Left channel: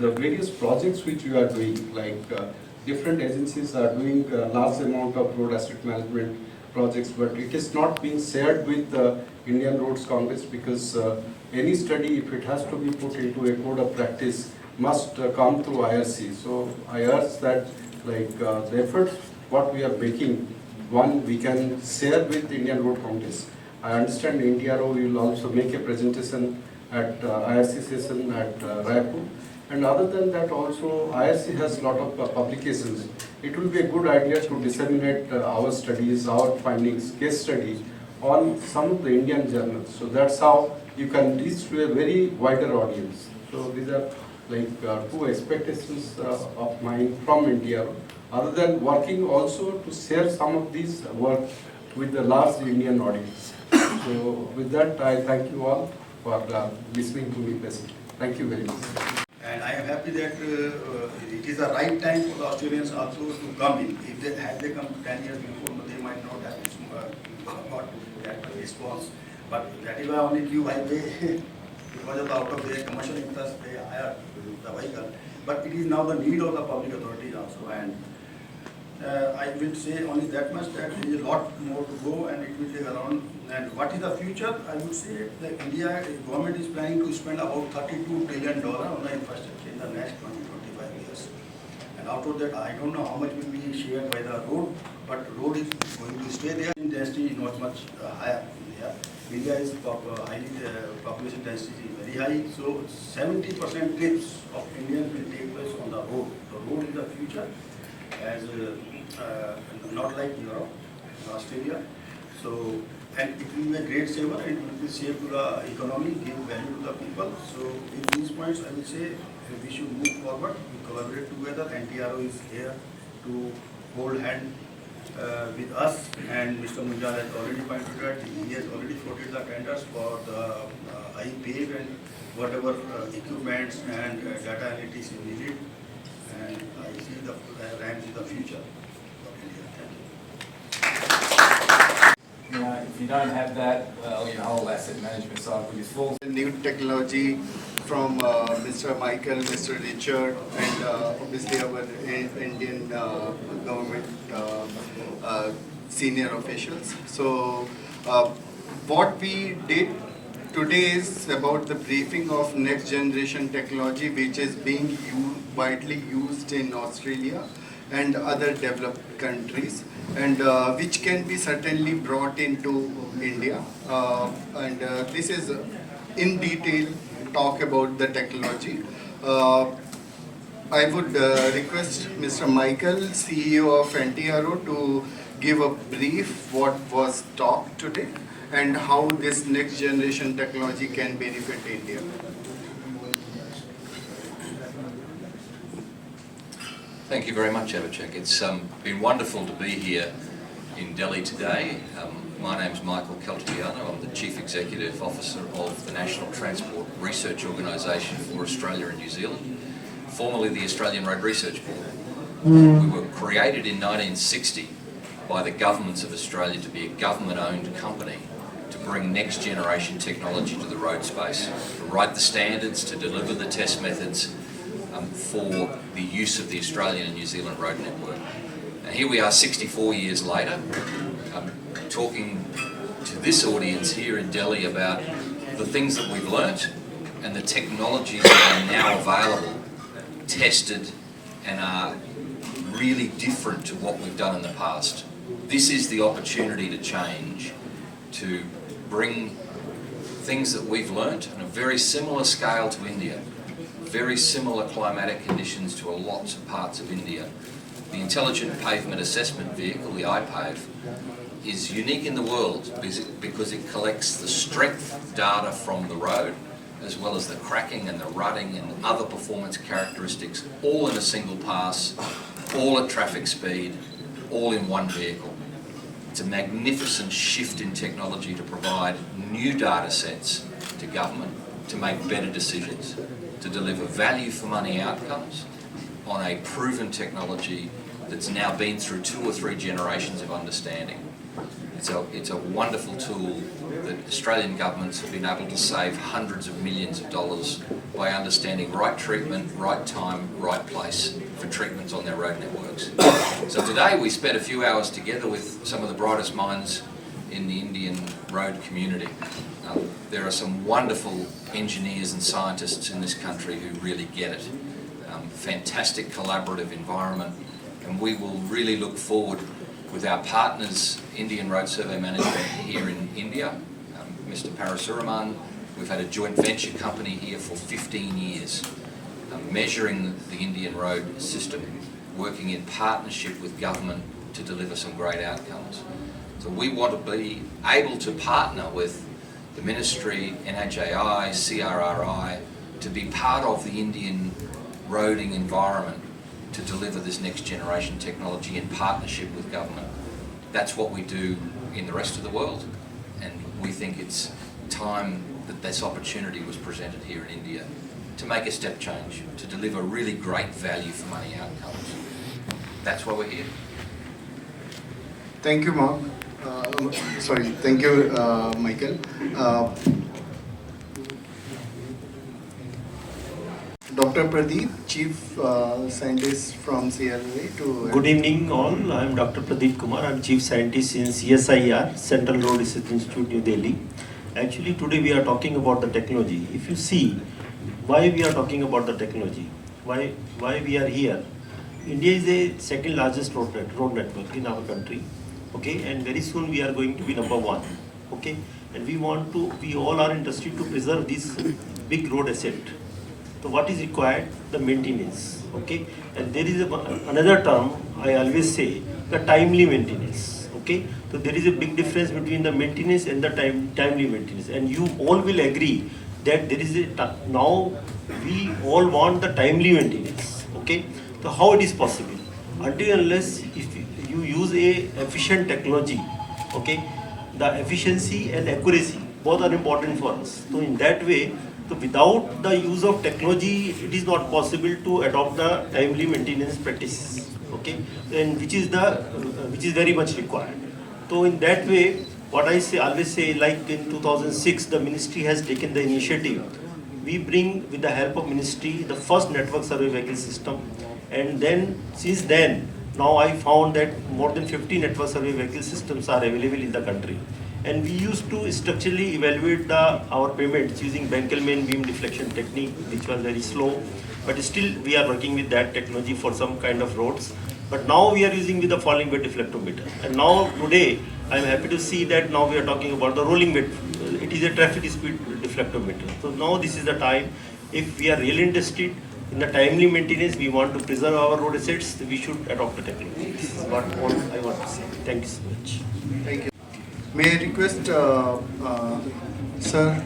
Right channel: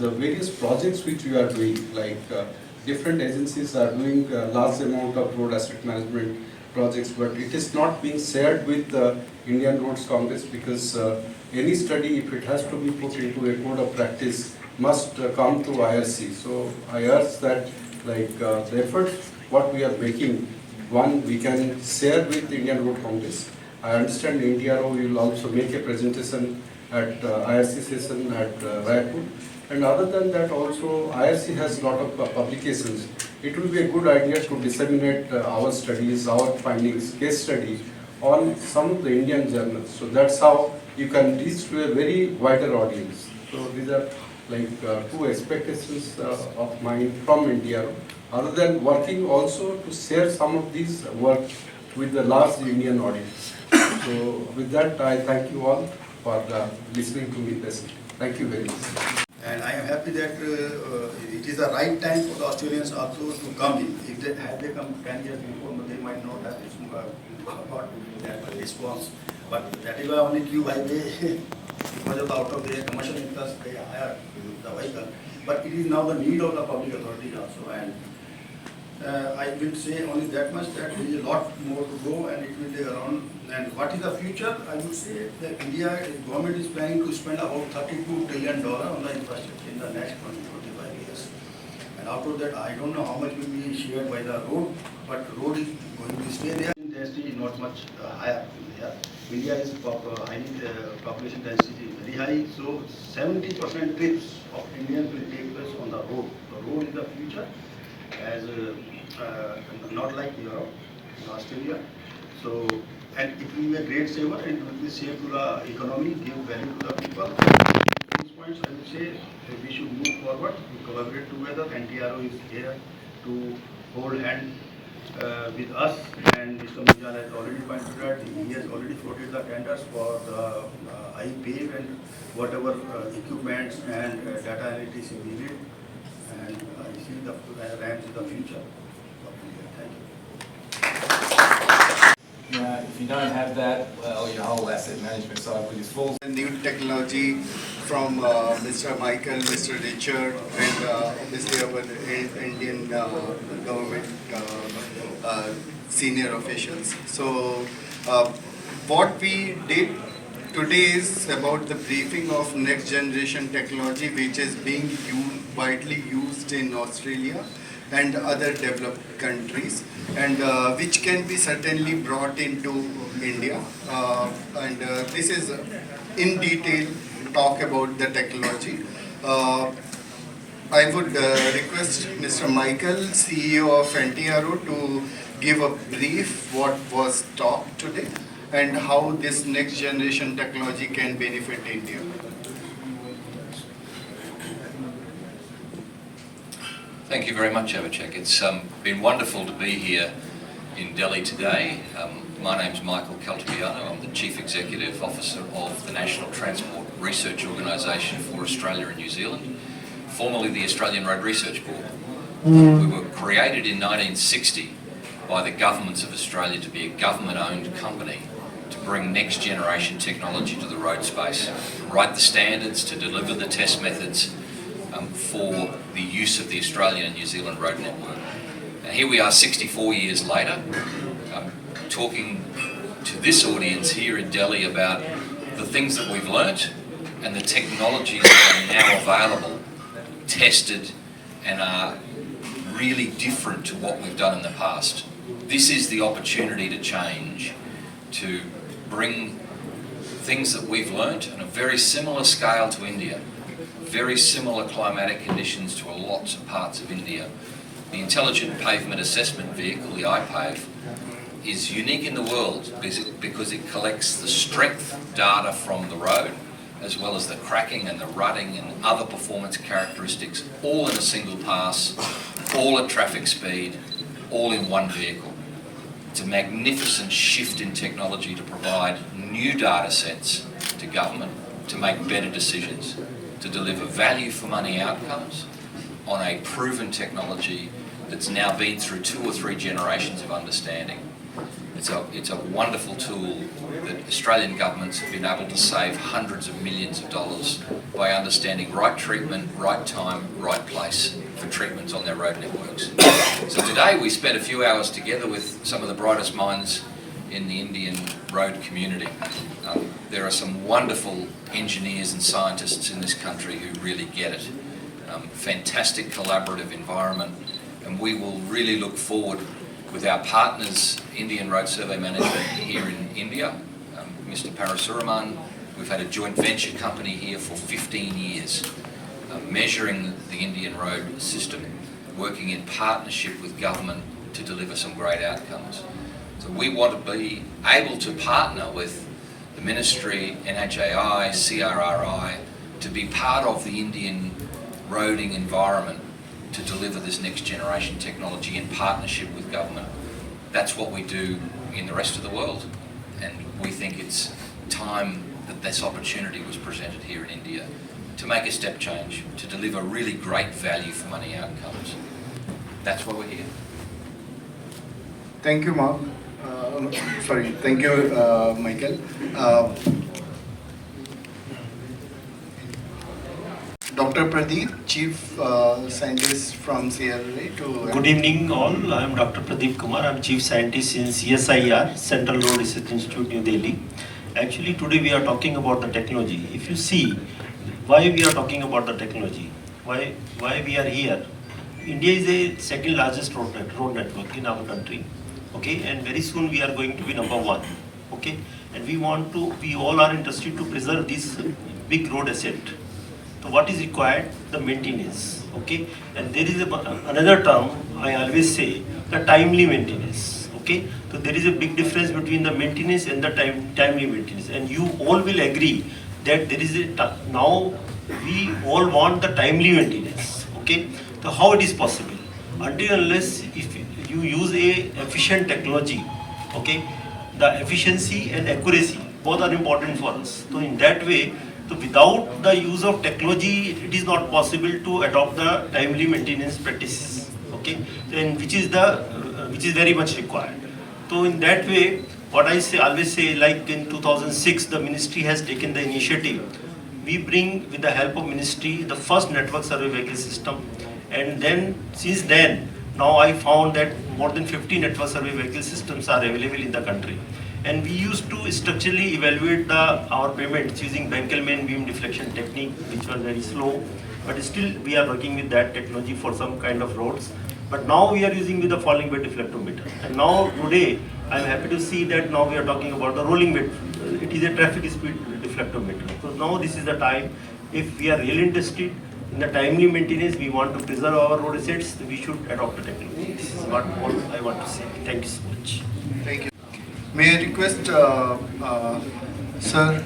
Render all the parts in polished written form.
the various projects which you are doing, like different agencies are doing large amount of road asset management projects, but it is not being shared with Indian Roads Congress, because any study, if it has to be put into a code of practice, must come through IRC. So I urge that, like the efforts what we are making, one, we can share with Indian Road Congress. I understand NTRO will also make a presentation at IRC session at Raipur. And other than that, also IRC has a lot of publications. It will be a good idea to disseminate our studies, our findings, case studies on some of the Indian journals. So that's how you can reach to a very wider audience. So these are like two expectations of mine from NTRO. Other than working also to share some of these work with the large Indian audience. So with that, I thank you all for listening to me patiently. Thank you very much. And I am happy that it is the right time for the Australians also to come in. If they had they come 10 years before, they might not have got that response. But that is why only Q highway, because of the out of their commercial interest, they hire the vehicle. But it is now the need of the public authorities also. And I will say only that much, that there is a lot more to go and it will take around. And what is the future? I would say that India government is planning to spend about $32 trillion on the infrastructure in the next 20-25 years. And out of that, I don't know how much will be shared by the road, but road is going to stay there. Density is not much higher in India. India is population density is very high, so 70% trips of Indians will take place on the road. The road is the future, as not like Europe, Australia. So, and it will be a great saver and it will be safe to the economy, give value to the people. With these points, I would say we should move forward, to collaborate together. NTRO is here to hold hand with us, and Mr. Mujja has already pointed out, he has already floated the tenders for the iPave and whatever equipments and data analytics is needed. And I see the ramps in the future of India. Thank you. Yeah, if you don't have that, well, your whole asset management cycle is full. New technology from Mr. Michael, Mr. Richard, and obviously our Indian government senior officials. So what we did today is about the briefing of next generation technology, which is being widely used in Australia and other developed countries, and which can be certainly brought into India. This is in detail talk about the technology. I would request Mr. Michael, CEO of NTRO, to give a brief what was talked today and how this next generation technology can benefit India. Thank you very much, Abhishek. It's been wonderful to be here in Delhi today. My name's Michael Caltabiano. I'm the Chief Executive Officer of the National Transport Research Organisation for Australia and New Zealand, formerly the Australian Road Research Board. We were created in 1960 by the governments of Australia to be a government-owned company to bring next generation technology to the road space, to write the standards, to deliver the test methods for the use of the Australian and New Zealand road network. Now, here we are 64 years later, talking to this audience here in Delhi about the things that we've learnt and the technologies that are now available, tested, and are really different to what we've done in the past. This is the opportunity to change, to bring things that we've learnt on a very similar scale to India, very similar climatic conditions to a lot of parts of India. The Intelligent Pavement Assessment Vehicle, the iPave, is unique in the world because it collects the strength data from the road, as well as the cracking and the rutting and other performance characteristics, all in a single pass, all at traffic speed, all in one vehicle. It's a magnificent shift in technology to provide new data sets to government to make better decisions, to deliver value for money outcomes on a proven technology that's now been through 2 or 3 generations of understanding. It's a wonderful tool that Australian governments have been able to save hundreds of millions of dollars by understanding right treatment, right time, right place for treatments on their road networks. So today we spent a few hours together with some of the brightest minds in the Indian road community. There are some wonderful engineers and scientists in this country who really get it. Fantastic collaborative environment, and we will really look forward with our partners, Indian Road Survey Management here in India, Mr. Parasuraman. We've had a joint venture company here for 15 years, measuring the Indian road system, working in partnership with government to deliver some great outcomes. So we want to be able to partner with the Ministry, NHAI, CRRI, to be part of the Indian roading environment to deliver this next generation technology in partnership with government. That's what we do in the rest of the world, and we think it's time that this opportunity was presented here in India to make a step change, to deliver really great value for money outcomes. That's why we're here. Thank you, Mark. Thank you, Michael. Dr. Pradeep, Chief Scientist from CRRA. Good evening all, I am Dr. Pradeep Kumar, I am Chief Scientist in CSIR, Central Road Research Institute, New Delhi. Actually today we are talking about the technology. If you see why we are talking about the technology, why we are here. India is a second largest road network in our country, okay, and very soon we are going to be number one, okay, and we all are interested to preserve this big road asset. So what is required? The maintenance, okay? And there is another term I always say, the timely maintenance, okay? So there is a big difference between the maintenance and the timely maintenance. And you all will agree that there is now we all want the timely maintenance, okay? So how it is possible? Until unless if you use a efficient technology, okay? The efficiency and accuracy, both are important for us. So in that way, so without the use of technology, it is not possible to adopt the timely maintenance practices, okay? And which is very much required. So in that way, what I always say, like in 2006, the ministry has taken the initiative. We bring, with the help of ministry, the first network survey vehicle system, and then since then, now I found that more than 50 network survey vehicle systems are available in the country. And we used to structurally evaluate our payments using Benkelman beam deflection technique, which was very slow. But still, we are working with that technology for some kind of roads. But now we are using with the falling weight deflectometer. And now today, I am happy to see that now we are talking about the rolling weight. It is a traffic speed deflectometer. So now this is the time. If we are really interested in the timely maintenance, we want to preserve our road assets, we should adopt the technology. This is what all I want to say. Thank you so much. Thank you. May I request Sir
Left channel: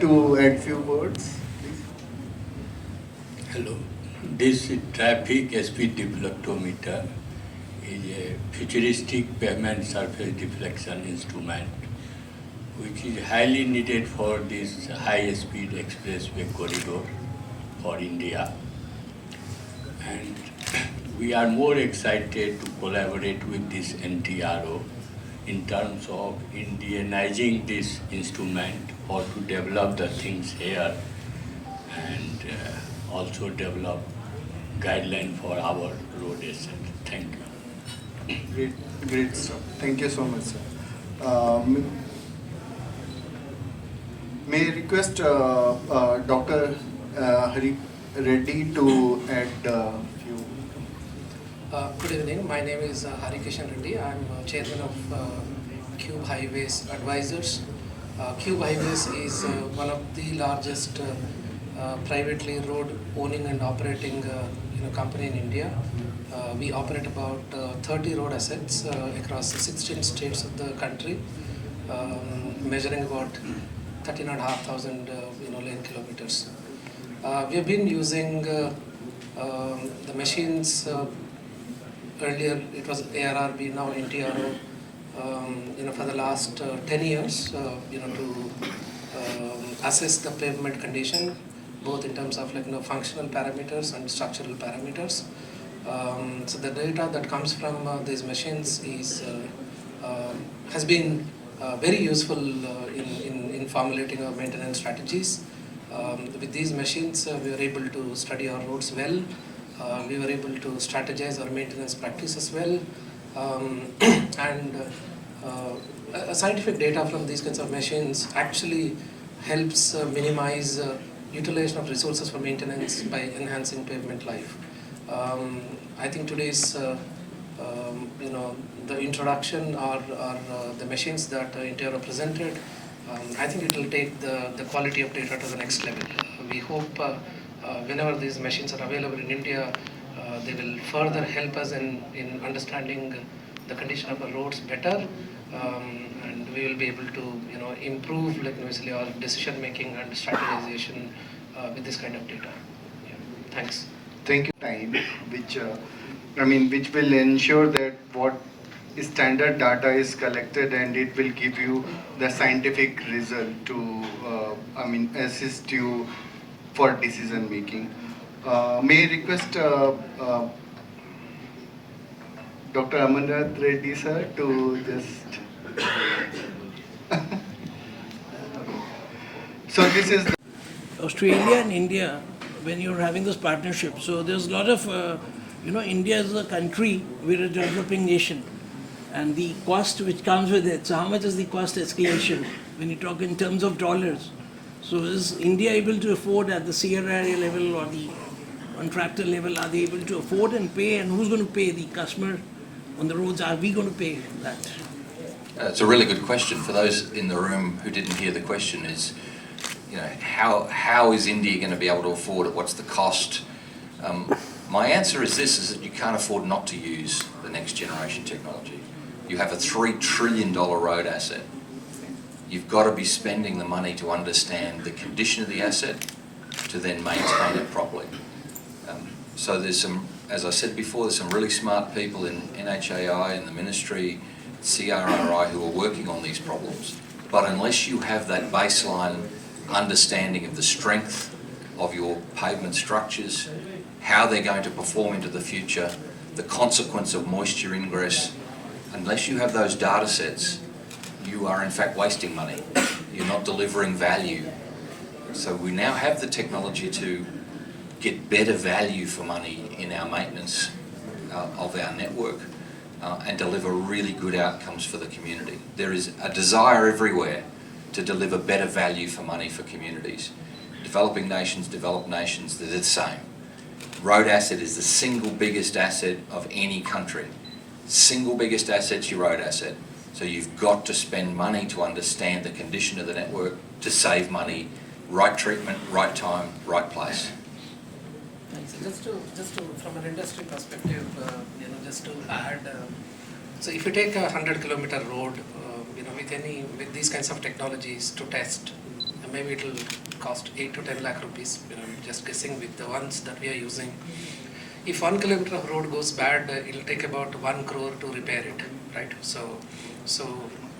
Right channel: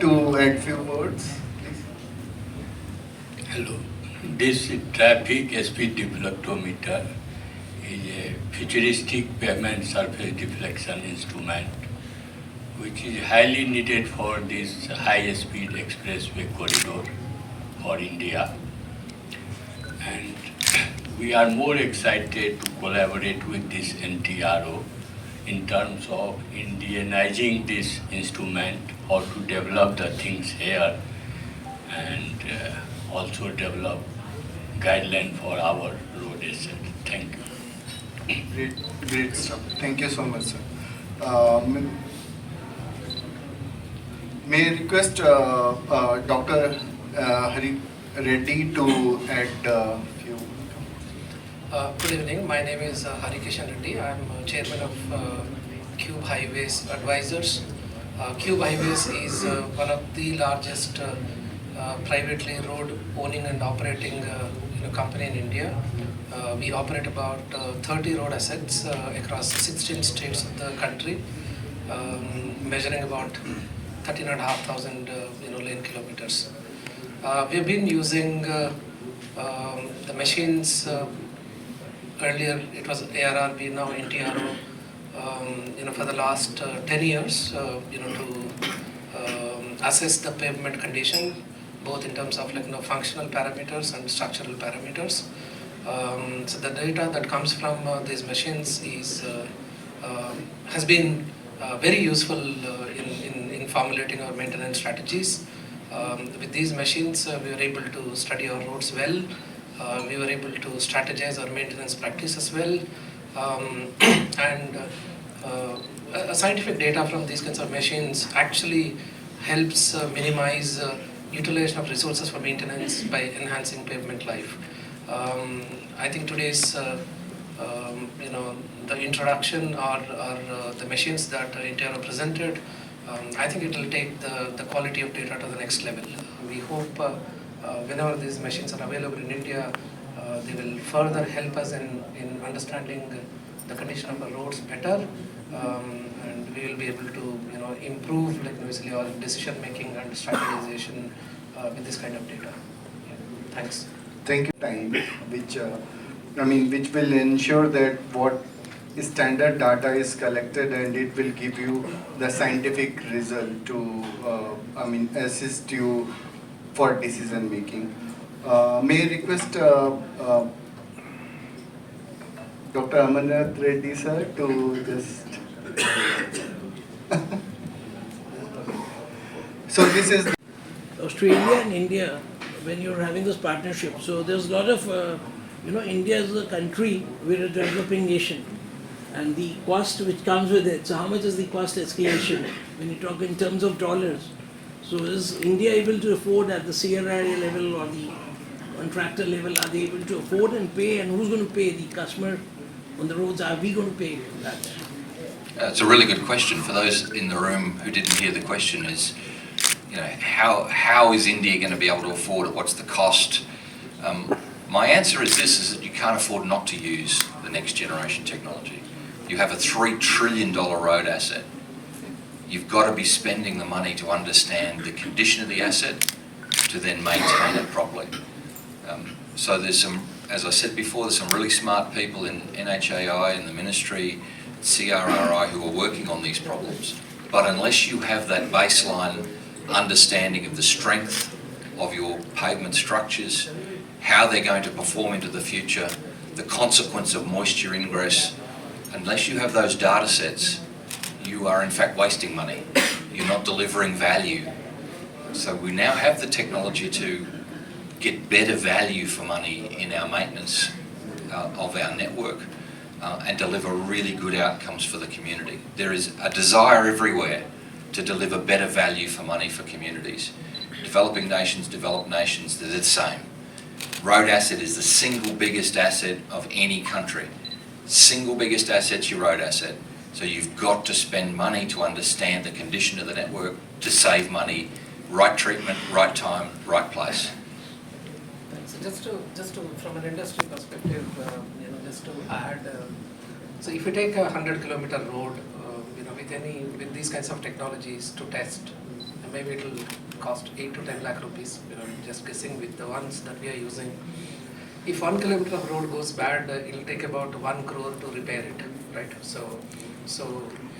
to add few words, please? Hello. This traffic speed deflectometer is a futuristic pavement surface deflection instrument which is highly needed for this high-speed expressway corridor for India. And we are more excited to collaborate with this NTRO in terms of Indianizing this instrument or to develop the things here and also develop guideline for our road asset. Thank you. Great stuff. Thank you so much, sir. May I request Dr. Hari Reddy to add a few. Good evening. My name is Harikishan Reddy. I am chairman of Cube Highways Advisors. Cube Highways is one of the largest privately road owning and operating company in India. We operate about 30 road assets across 16 states of the country, measuring about 13,500 lane kilometers. We have been using the machines. Earlier it was ARRB, now NTRO. For the last 10 years, to assess the pavement condition, both in terms of functional parameters and structural parameters. So the data that comes from these machines has been very useful in formulating our maintenance strategies. With these machines, we were able to study our roads well. We were able to strategize our maintenance practices well. And scientific data from these kinds of machines actually helps minimize utilization of resources for maintenance by enhancing pavement life. I think today's the introduction or the machines that NTRO presented, I think it will take the quality of data to the next level. We hope whenever these machines are available in India, they will further help us in understanding the condition of our roads better, and we will be able to improve basically our decision making and strategization with this kind of data. Yeah. Thanks. Thank you. Time, which will ensure that what standard data is collected and it will give you the scientific result to, assist you for decision making. May I request Dr. Amarnath Reddy sir to just. So this is. Australia and India, when you're having this partnership, so there's a lot of, India is a country, we're a developing nation, and the cost which comes with it. So how much is the cost escalation when you talk in terms of dollars? So is India able to afford at the CRRA level or the contractor level, are they able to afford and pay, and who's going to pay? The customer on the roads, are we going to pay that? It's a really good question. For those in the room who didn't hear the question, is how is India going to be able to afford it? What's the cost? My answer is this, is that you can't afford not to use the next generation technology. You have a $3 trillion road asset. You've got to be spending the money to understand the condition of the asset to then maintain it properly. So there's some, as I said before, there's some really smart people in NHAI, in the ministry, CRRI, who are working on these problems. But unless you have that baseline understanding of the strength of your pavement structures, how they're going to perform into the future, the consequence of moisture ingress, unless you have those data sets, you are in fact wasting money. You're not delivering value. So we now have the technology to get better value for money in our maintenance of our network and deliver really good outcomes for the community. There is a desire everywhere to deliver better value for money for communities. Developing nations, developed nations, they're the same. Road asset is the single biggest asset of any country. Single biggest asset's your road asset. So you've got to spend money to understand the condition of the network to save money, right treatment, right time, right place. Thanks. Just to from an industry perspective, just to add, so if you take a 100-kilometer road, with these kinds of technologies to test, maybe it will cost 8 to 10 lakh rupees. Just guessing with the ones that we are using. If 1 kilometer of road goes bad, it will take about 1 crore to repair it, right? So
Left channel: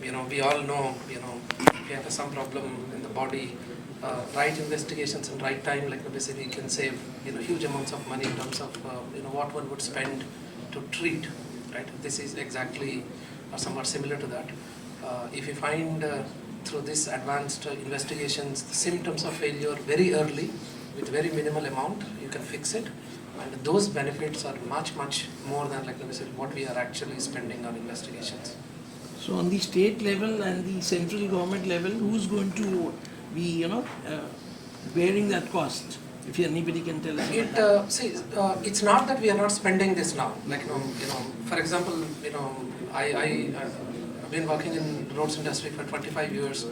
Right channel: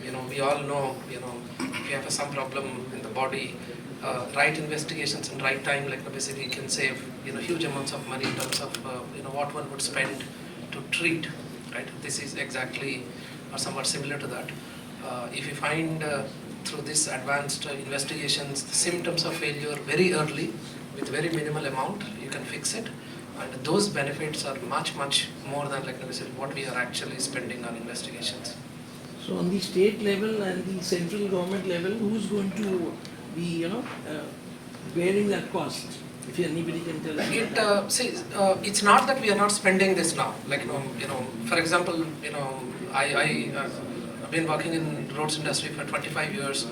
we all know, if you have some problem in the body, right investigations and right time, basically can save, huge amounts of money in terms of, what one would spend to treat, right? This is exactly or somewhat similar to that. If you find through this advanced investigations the symptoms of failure very early with very minimal amount, you can fix it, and those benefits are much more than what we are actually spending on investigations. So on the state level and the central government level, who's going to be bearing that cost? If anybody can tell us. It's not that we are not spending this now. For example, I've been working in roads industry for 25 years.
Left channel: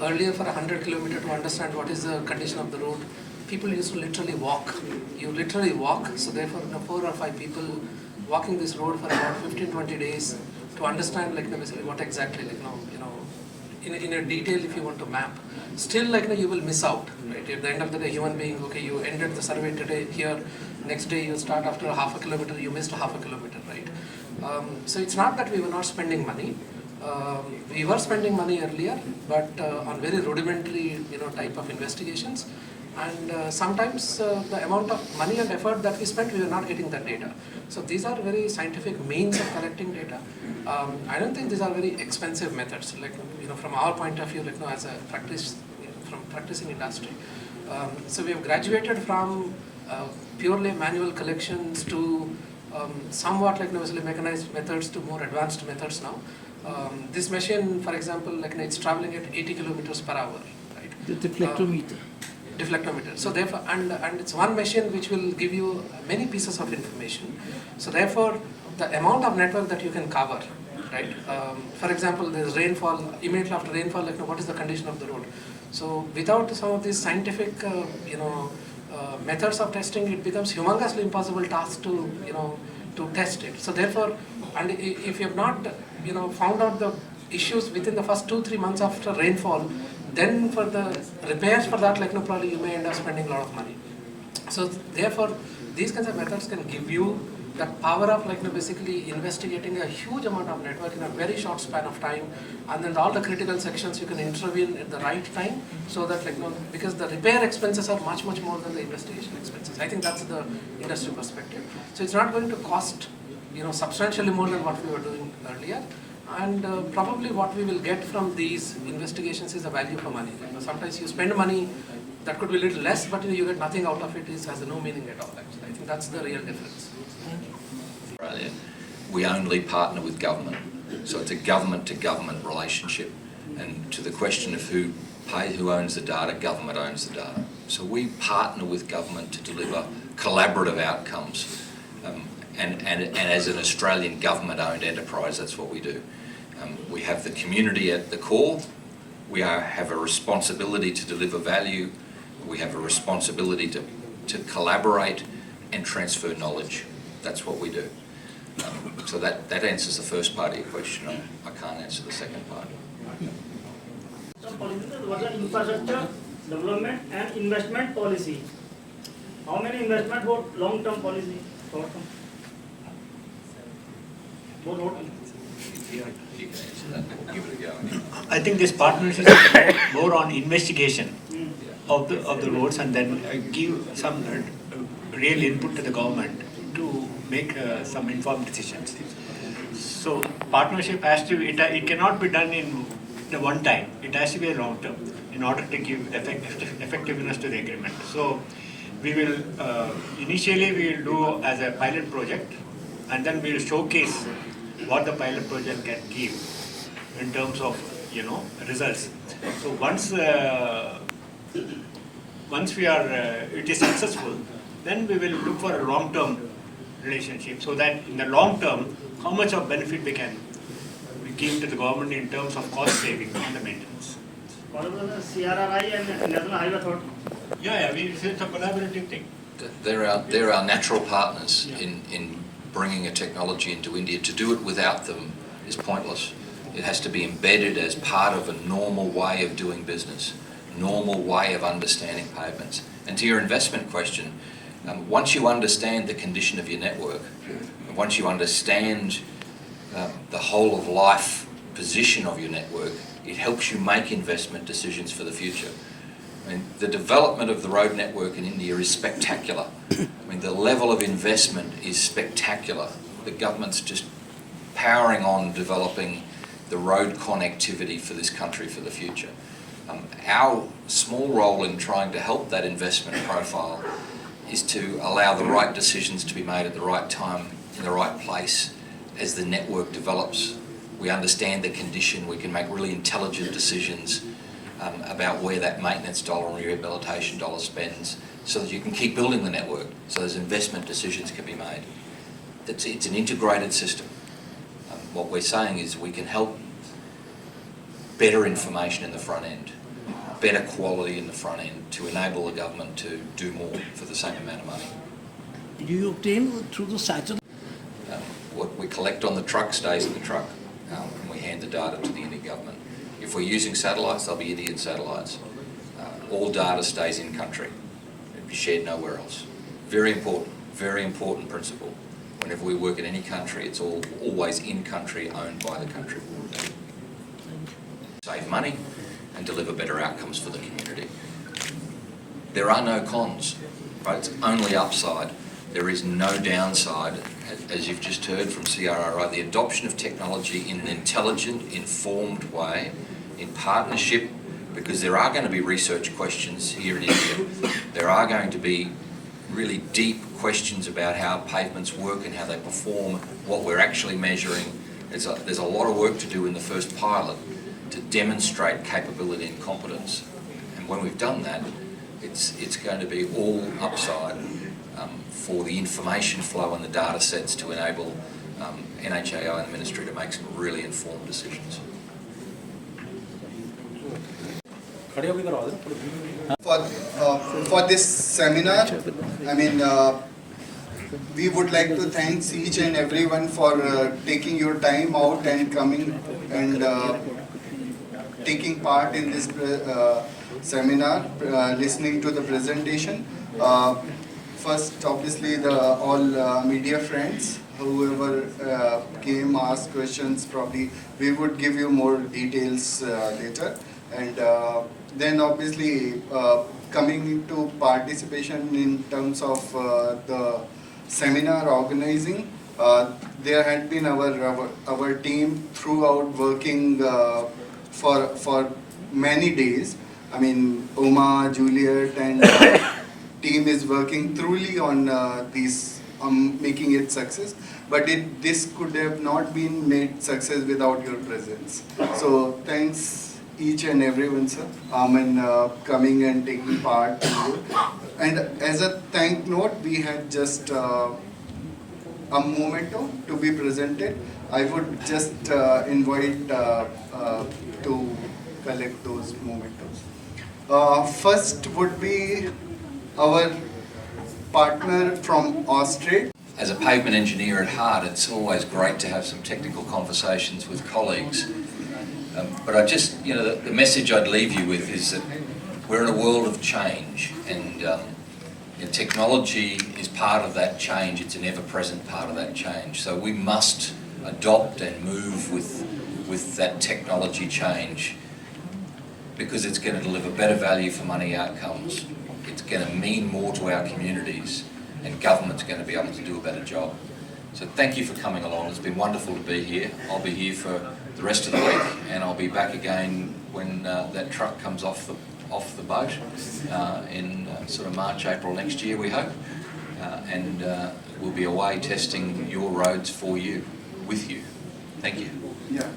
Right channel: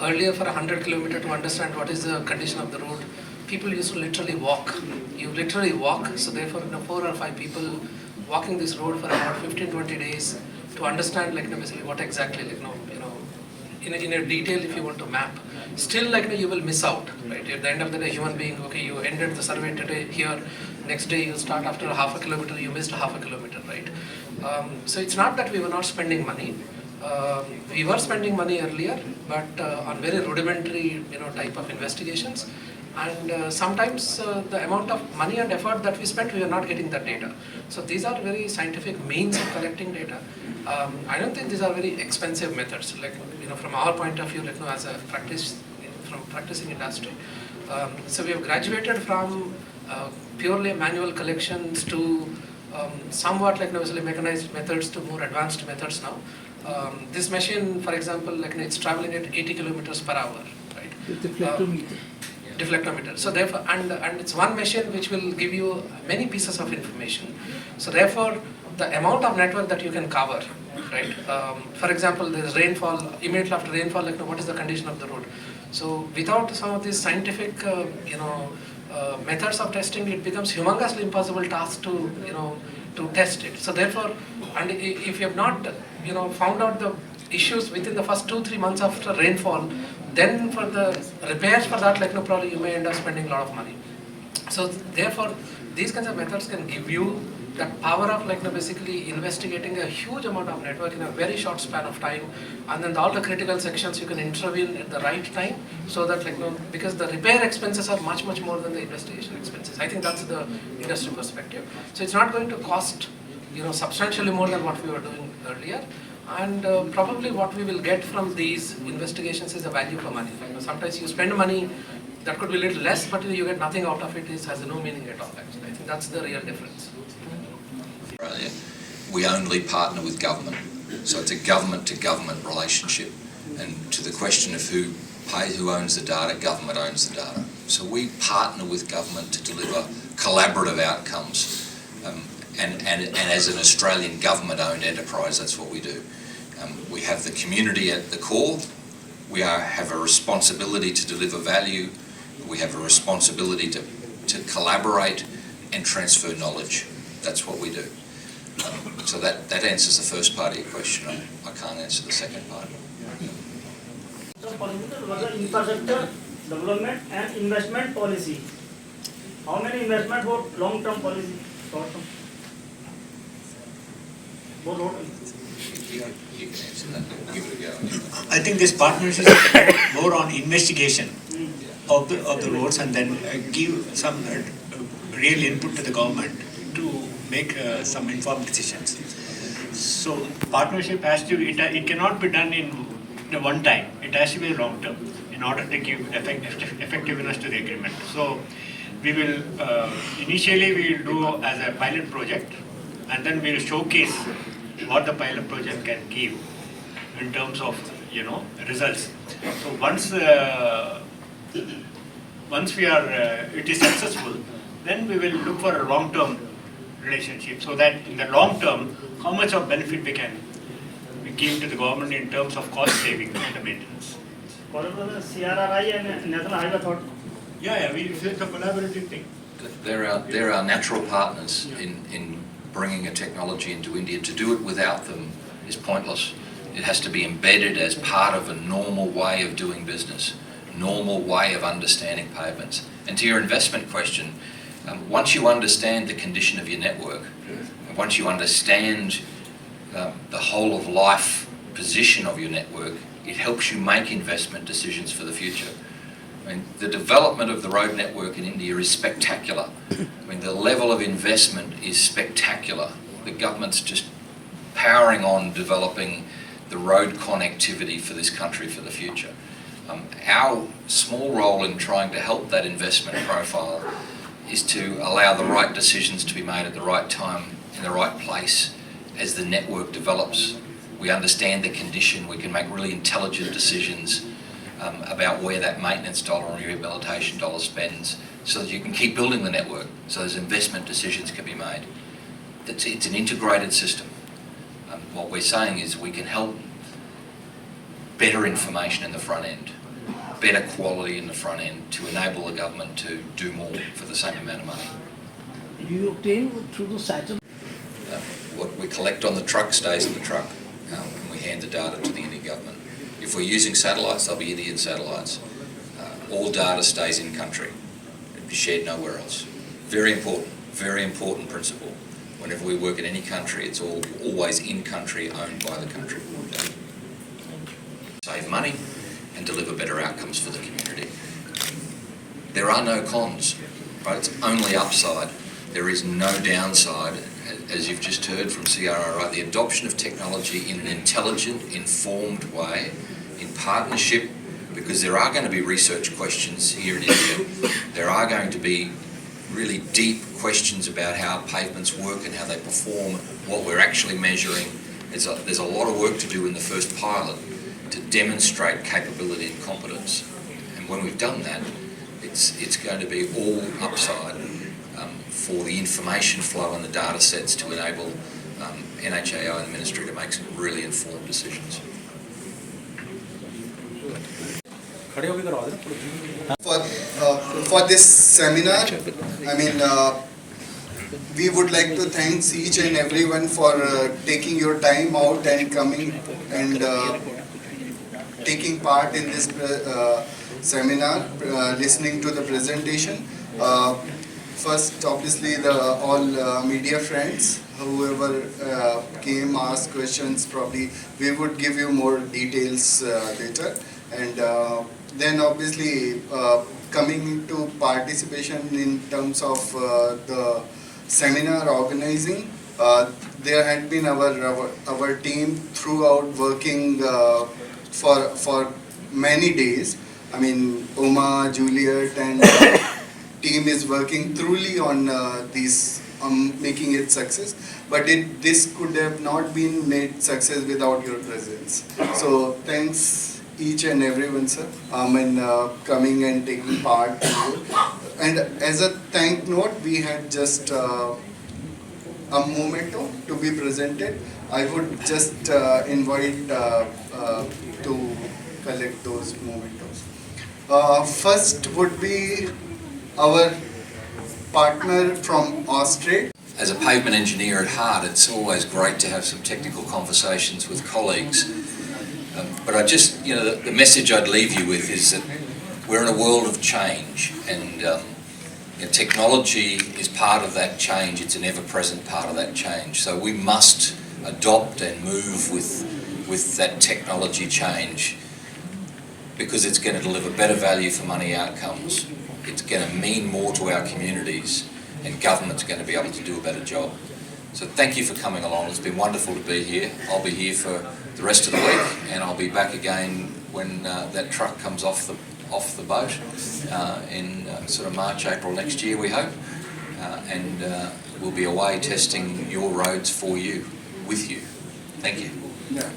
Earlier, for 100 kilometers to understand what is the condition of the road, people used to literally walk. You literally walk. So therefore, 4 or 5 people walking this road for about 15-20 days to understand what exactly in a detail if you want to map. Still you will miss out, right? At the end of the day, human being, okay, you ended the survey today here, next day you start after half a kilometer, you missed half a kilometer, right? So it's not that we were not spending money. We were spending money earlier, but on very rudimentary type of investigations, and sometimes the amount of money and effort that we spent, we were not getting that data. So these are very scientific means of collecting data. I don't think these are very expensive methods. From our point of view, as a practice from practicing industry, So we have graduated from purely manual collections to somewhat like obviously mechanized methods to more advanced methods now. This machine, for example, like it's traveling at 80 kilometers per hour, right? The deflectometer. Deflectometer. So therefore, and it's one machine which will give you many pieces of information. So therefore, the amount of network that you can cover, right? For example, there's rainfall, immediately after rainfall, like what is the condition of the road? So without some of these scientific, methods of testing, it becomes humongously impossible task to, to test it. So therefore, and if you have not, found out the issues within the first 2-3 months after rainfall, then for the repairs for that, probably you may end up spending a lot of money. So therefore, these kinds of methods can give you that power of basically investigating a huge amount of network in a very short span of time, and then all the critical sections you can intervene at the right time, so that because the repair expenses are much more than the investigation expenses. I think that's the industry perspective. So it's not going to cost substantially more than what we were doing earlier. And probably what we will get from these investigations is a value for money. Sometimes you spend money that could be a little less, but you get nothing out of it. It has no meaning at all. Actually, I think that's the real difference. Australia, we only partner with government, so it's a government-to-government relationship. And to the question of who owns the data, government owns the data. So we partner with government to deliver collaborative outcomes. And as an Australian government-owned enterprise, that's what we do. We have the community at the core. We have a responsibility to deliver value. We have a responsibility to collaborate and transfer knowledge. That's what we do. So that answers the first part of your question. I can't answer the second part. So, what are infrastructure development and investment policy? How many investment for long-term policy? Short-term? You can answer that. Give it a go. Anyway. I think this partnership is more on investigation of the roads, and then give some real input to the government to make some informed decisions. So partnership has to, it cannot be done in one time. It has to be long term in order to give effectiveness to the agreement. So we will, initially we will do as a pilot project, and then we will showcase what the pilot project can give in terms of results. So once we are it is successful, then we will look for a long-term relationship, so that in the long term, how much of benefit we can give to the government in terms of cost saving on the maintenance. What about the CRRI and National Highway Authority? Yeah, it's a collaborative thing. They're our natural partners in bringing a technology into India. To do it without them is pointless. It has to be embedded as part of a normal way of doing business, normal way of understanding payments. And to your investment question, once you understand the condition of your network, once you understand the whole of life position of your network, it helps you make investment decisions for the future. I mean, the development of the road network in India is spectacular. I mean, the level of investment is spectacular. The government's just powering on developing the road connectivity for this country for the future. Our small role in trying to help that investment profile is to allow the right decisions to be made at the right time, in the right place, as the network develops. We understand the condition, we can make really intelligent decisions about where that maintenance dollar and rehabilitation dollar spends, so that you can keep building the network, so those investment decisions can be made. It's an integrated system. What we're saying is we can help better information in the front end, better quality in the front end, to enable the government to do more for the same amount of money. Do you obtain through the satellite? What we collect on the truck stays in the truck, and we hand the data to the Indian government. If we're using satellites, they'll be Indian satellites. All data stays in country. It'll be shared nowhere else. Very important principle. Whenever we work in any country, it's always in country, owned by the country. Save money and deliver better outcomes for the community. There are no cons, right? It's only upside. There is no downside. As you've just heard from CRRI, the adoption of technology in an intelligent, informed way, in partnership because there are going to be research questions here in India. There are going to be really deep questions about how pavements work and how they perform, what we're actually measuring. There's a lot of work to do in the first pilot to demonstrate capability and competence. And when we've done that, it's going to be all upside for the information flow and the data sets to enable NHAO and the Ministry to make some really informed decisions. For this seminar, I mean, we would like to thank each and everyone for taking your time out and coming and taking part in this seminar, listening to the presentation. First, obviously, all media friends, whoever came, asked questions, probably we would give you more details later. And then obviously coming to participation in terms of the seminar organizing, there had been our team throughout working for many days. I mean, Uma, Juliet, and team is working truly on making it success. But this could have not been made success without your presence. So thanks each and everyone, sir, coming and taking part. And as a thank note, we had just a memento to be presented. I would just invite to collect those mementos. First would be our partner from Australia. As a pavement engineer at heart, it's always great to have some technical conversations with colleagues. But I just, the message I'd leave you with is that we're in a world of change, and technology is part of that change. It's an ever-present part of that change. So we must adopt and move with that technology change, because it's going to deliver better value for money outcomes. It's going to mean more to our communities, and government's going to be able to do a better job. So thank you for coming along. It's been wonderful to be here. I'll be here for the rest of the week, and I'll be back again when that truck comes off the boat in sort of March, April next year, we hope. And we'll be away testing your roads for you, with you. Thank you. Yeah.